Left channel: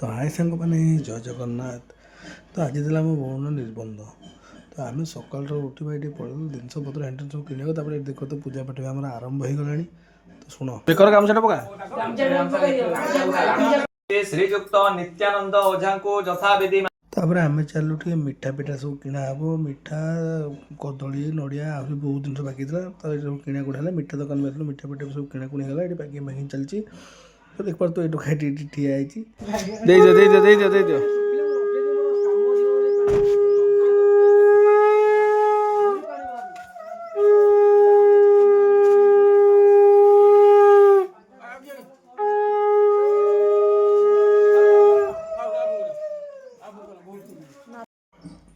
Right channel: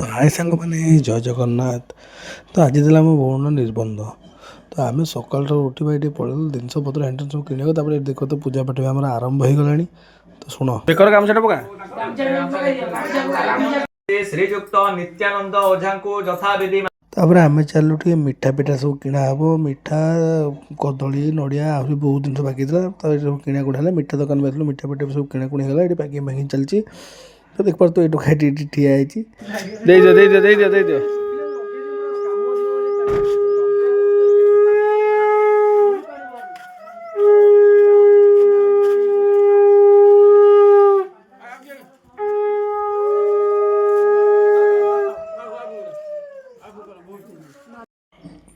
तो हाय सांग मैंने जय जगन्नाथ। तो आज देला मो भौण निबंध। तो आम सकाल उठी ये पड़ेल जिनस पत्र हेन सब किणा देख तो पूजा पाठ आम आरंभ हो गला। तो शुण बेकर काम से पका श्रीजुक्त नित्यानंद ओझा को यथा विधि तापर आम चलू टे मिठा पिठा सब किणा हे मिठा कदली नड़िया आहरी बहुत जिन बाकी था सब किणा कुड़ा मिठा दुकान में मिठा पिठा सब किणाकुणी है ये पैकिंग पैकिंग चलती। तो देख पार तो ये खाई ठिया है।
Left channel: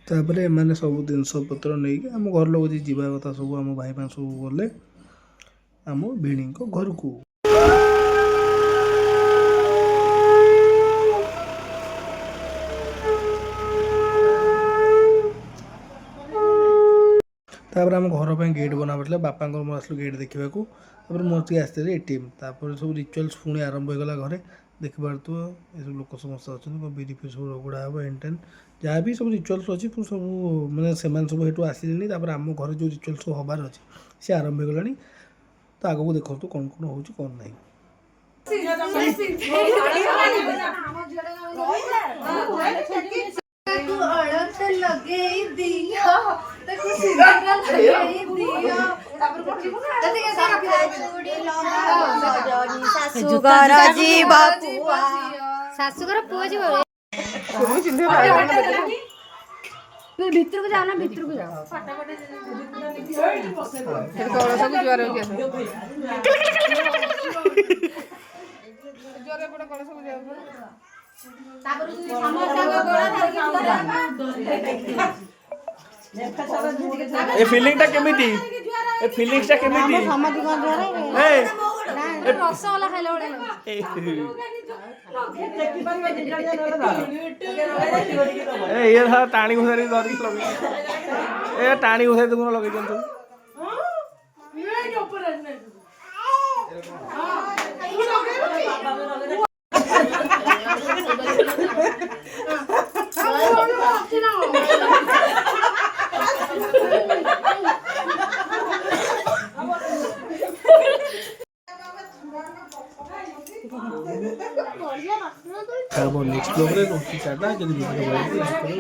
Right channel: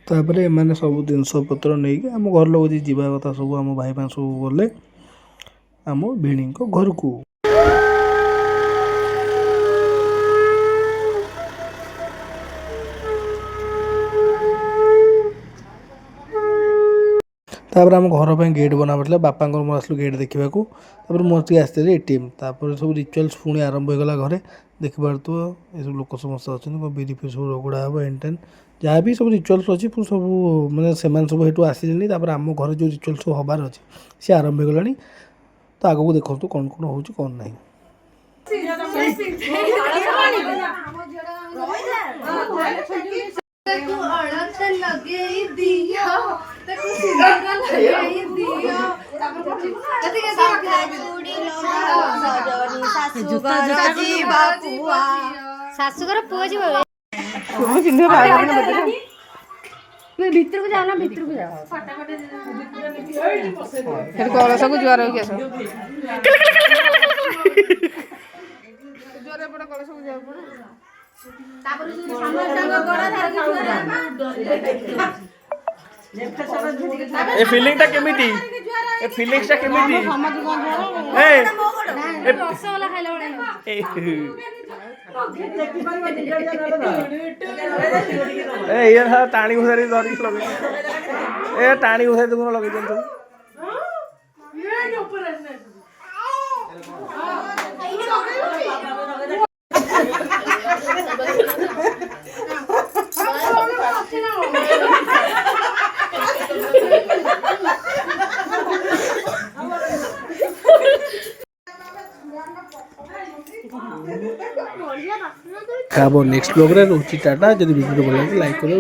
तापर एम सब जिनपतर नहीं आम घर लोग जी जावा कथा सब आम भाई मान सब गले आम भिणी घर को। तापर आम घर पर गेट बना पड़ा बापा मोर आसलू गेट देखा मोती आसते एटीएम तापर सब रिचुअल्स पुणी आरंभ होगा घरे देख पार तो ये सब लोक समस्त अच्छा बिरी फी सब रगड़ा हे एन टेन जहाँ भी सब रिचुअल्स अच्छी सब मैंने सब हेटू आसिले आम घर जो रिचुअल्स सब हबार अच्छे सी आरंभ हो गला। तो आगू देखो कौन कौन हो कौन ना शाशुगर पुआ जी भितर को जाओ ना भितर को जाओ कलश को जुआर हो गया जुआरे पड़े कलश को जाओ तापर ए फीलिंग टा केमिति ए फीलिंग्स टा केमिति ए रसगोल्ला खाइला ए ये था टाणी घुसारी धरी लगे ए टाणी घुसारी तुम लगे जंतु नेक्स्ट ब्लॉग रे रोची टाटा जब वीडियो लाइक करो।